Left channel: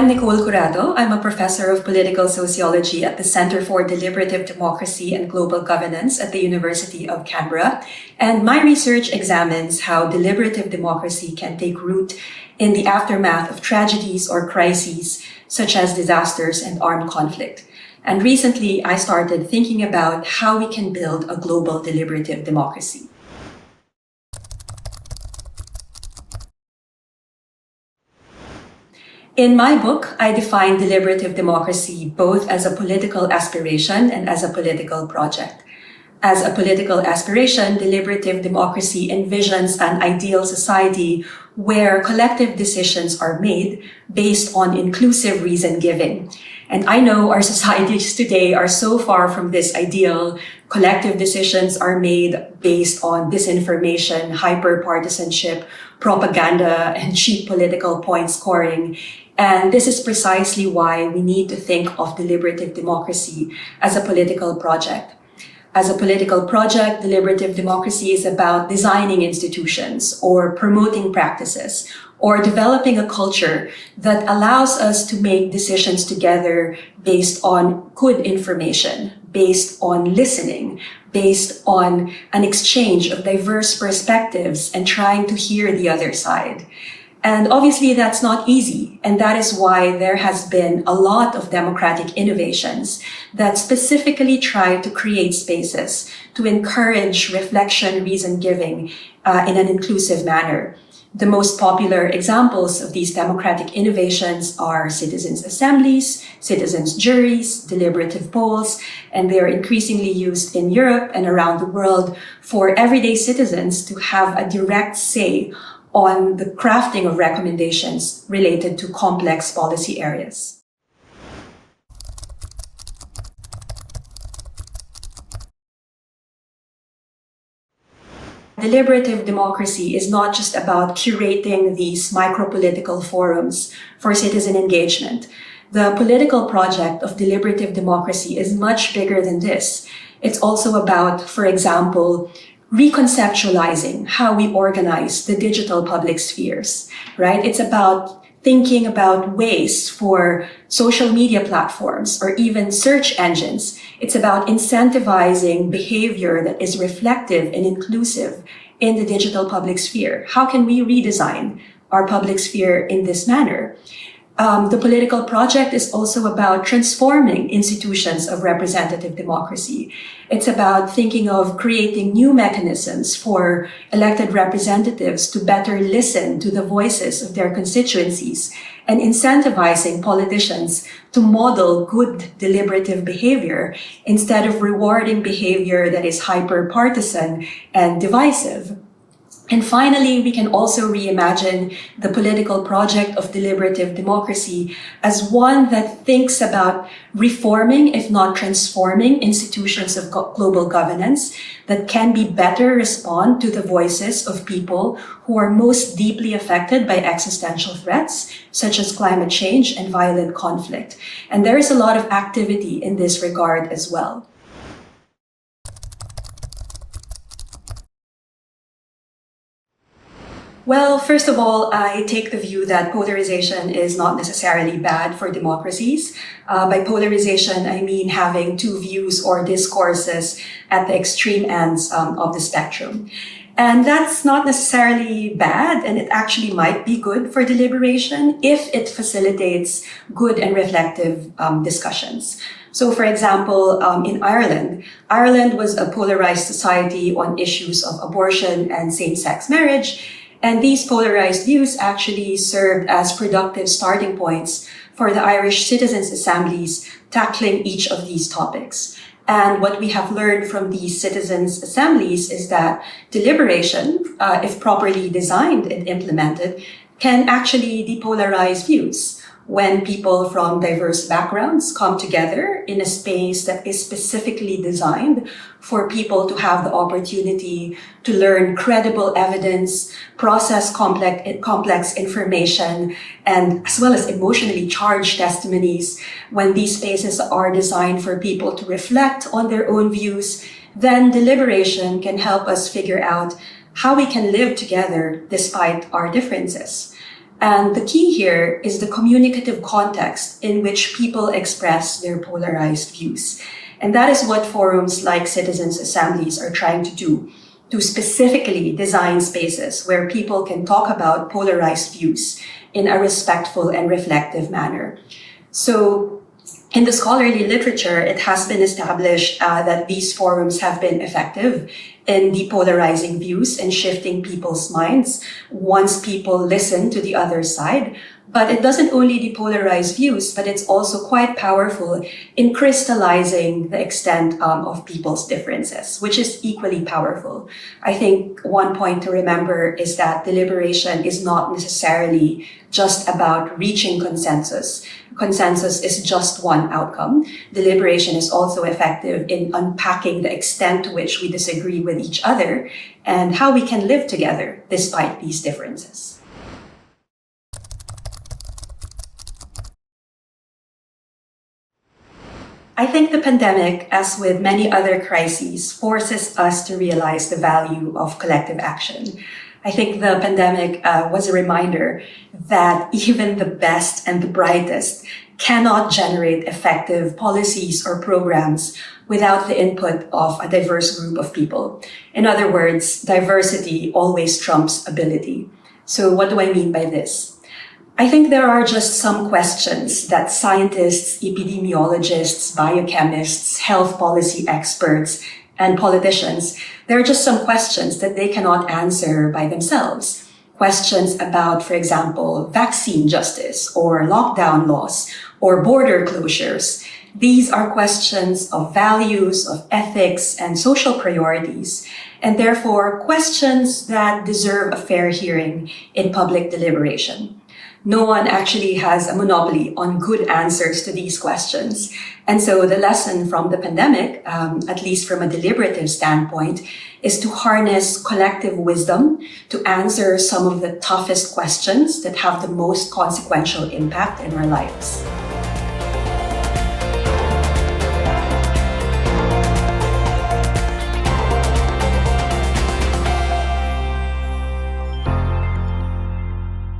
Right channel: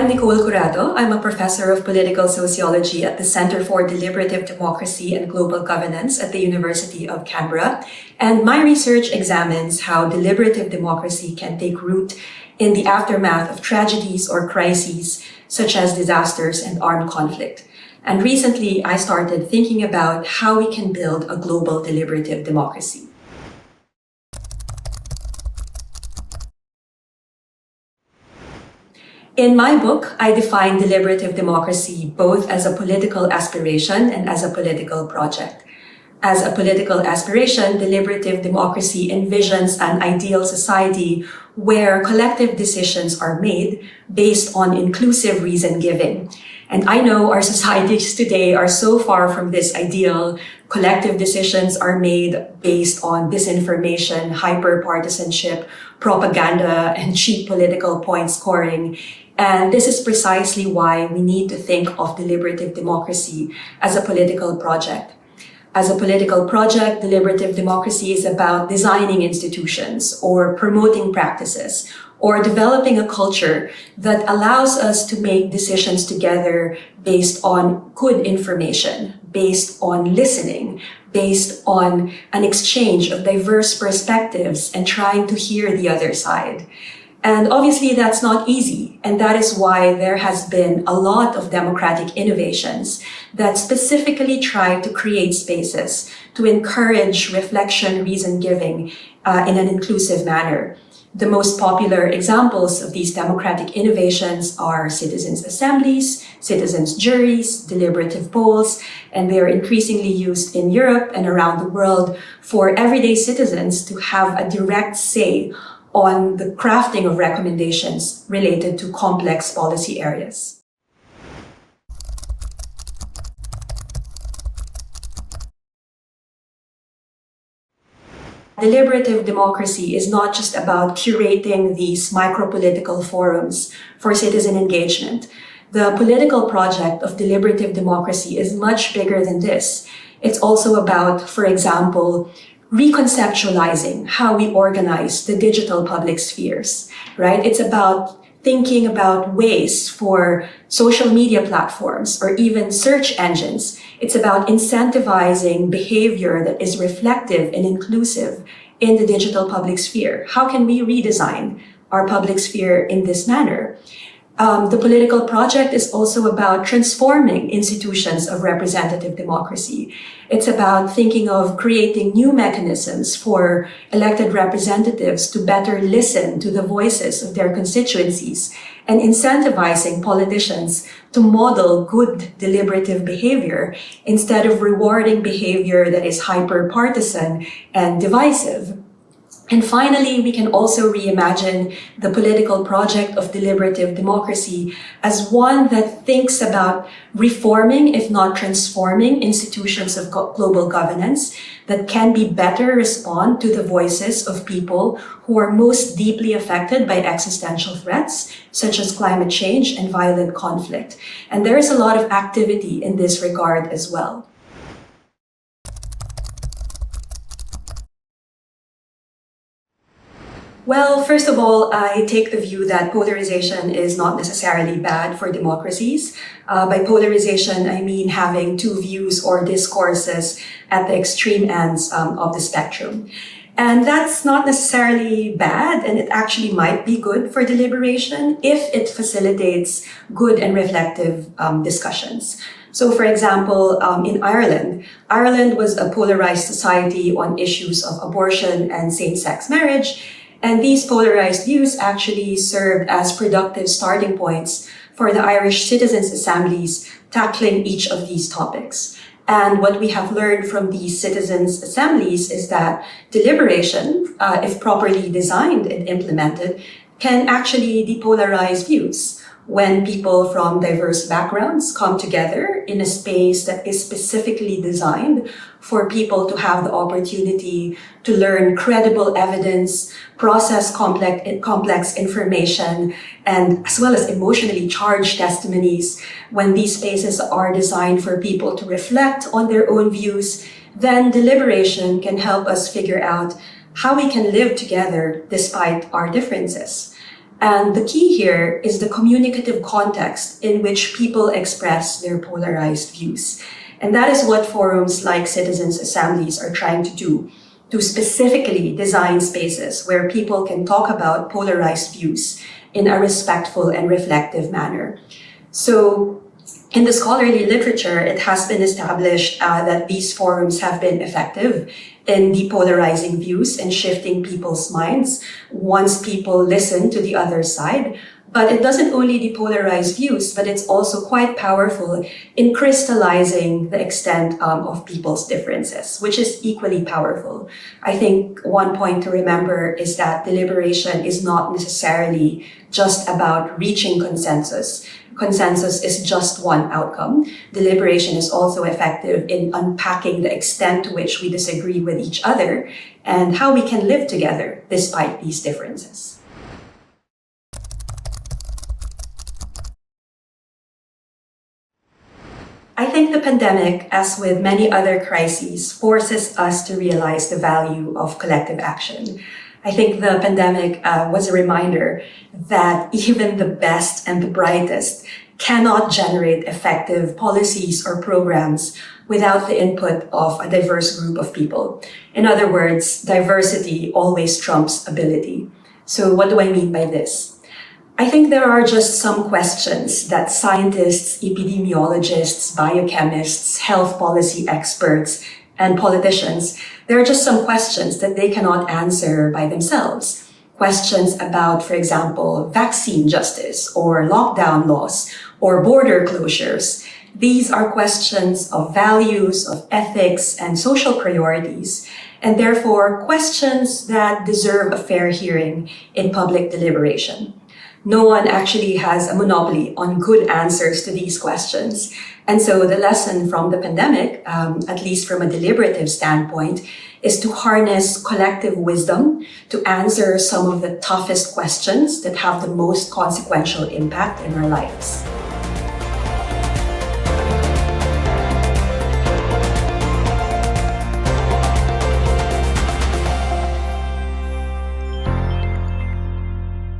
I'm Nicole Curato. I'm a professor of political sociology at the Center for Deliberative Democracy and Global Governance at the University of Canberra. And my research examines how deliberative democracy can take root in the aftermath of tragedies or crises, such as disasters and armed conflict. And recently, I started thinking about how we can build a global deliberative democracy. In my book, I define deliberative democracy both as a political aspiration and as a political project. As a political aspiration, deliberative democracy envisions an ideal society where collective decisions are made based on inclusive reason-giving. And I know our societies today are so far from this ideal. Collective decisions are made based on disinformation, hyper-partisanship, propaganda, and cheap political point scoring. And this is precisely why we need to think of deliberative democracy as a political project. As a political project, deliberative democracy is about designing institutions or promoting practices or developing a culture that allows us to make decisions together based on good information, based on listening, based on an exchange of diverse perspectives and trying to hear the other side. And obviously that's not easy. And that is why there has been a lot of democratic innovations that specifically try to create spaces to encourage reflection, reason-giving in an inclusive manner. The most popular examples of these democratic innovations are citizens' assemblies, citizens' juries, deliberative polls, and they are increasingly used in Europe and around the world for everyday citizens to have a direct say on the crafting of recommendations related to complex policy areas. Deliberative democracy is not just about curating these micro-political forums for citizen engagement. The political project of deliberative democracy is much bigger than this. It's also about, for example, reconceptualizing how we organize the digital public spheres, right? It's about thinking about ways for social media platforms or even search engines. It's about incentivizing behavior that is reflective and inclusive in the digital public sphere. How can we redesign our public sphere in this manner? The political project is also about transforming institutions of representative democracy. It's about thinking of creating new mechanisms for elected representatives to better listen to the voices of their constituencies and incentivizing politicians to model good deliberative behavior instead of rewarding behavior that is hyper-partisan and divisive. And finally, we can also reimagine the political project of deliberative democracy as one that thinks about reforming, if not transforming, institutions of global governance that can be better respond to the voices of people who are most deeply affected by existential threats, such as climate change and violent conflict. And there is a lot of activity in this regard as well. Well, first of all, I take the view that polarization is not necessarily bad for democracies. By polarization, I mean having two views or discourses at the extreme ends of the spectrum. And that's not necessarily bad, and it actually might be good for deliberation if it facilitates good and reflective discussions. So, for example, in Ireland was a polarized society on issues of abortion and same-sex marriage. And these polarized views actually served as productive starting points for the Irish citizens' assemblies tackling each of these topics. And what we have learned from these citizens' assemblies is that deliberation, if properly designed and implemented, can actually depolarize views. When people from diverse backgrounds come together in a space that is specifically designed for people to have the opportunity to learn credible evidence, process complex information, and as well as emotionally charged testimonies, when these spaces are designed for people to reflect on their own views, then deliberation can help us figure out how we can live together despite our differences. And the key here is the communicative context in which people express their polarized views. And that is what forums like citizens' assemblies are trying to do, to specifically design spaces where people can talk about polarized views in a respectful and reflective manner. So in the scholarly literature, it has been established that these forums have been effective in depolarizing views and shifting people's minds once people listen to the other side. But it doesn't only depolarize views, but it's also quite powerful in crystallizing the extent of people's differences, which is equally powerful. I think one point to remember is that deliberation is not necessarily just about reaching consensus. Consensus is just one outcome. Deliberation is also effective in unpacking the extent to which we disagree with each other and how we can live together despite these differences. I think the pandemic, as with many other crises, forces us to realize the value of collective action. I think the pandemic was a reminder that even the best and the brightest cannot generate effective policies or programs without the input of a diverse group of people. In other words, diversity always trumps ability. So what do I mean by this? I think there are just some questions that scientists, epidemiologists, biochemists, health policy experts, and politicians, there are just some questions that they cannot answer by themselves. Questions about, for example, vaccine justice or lockdown laws or border closures. These are questions of values, of ethics, and social priorities, and therefore questions that deserve a fair hearing in public deliberation. No one actually has a monopoly on good answers to these questions. And so the lesson from the pandemic, at least from a deliberative standpoint, is to harness collective wisdom to answer some of the toughest questions that have the most consequential impact in our lives.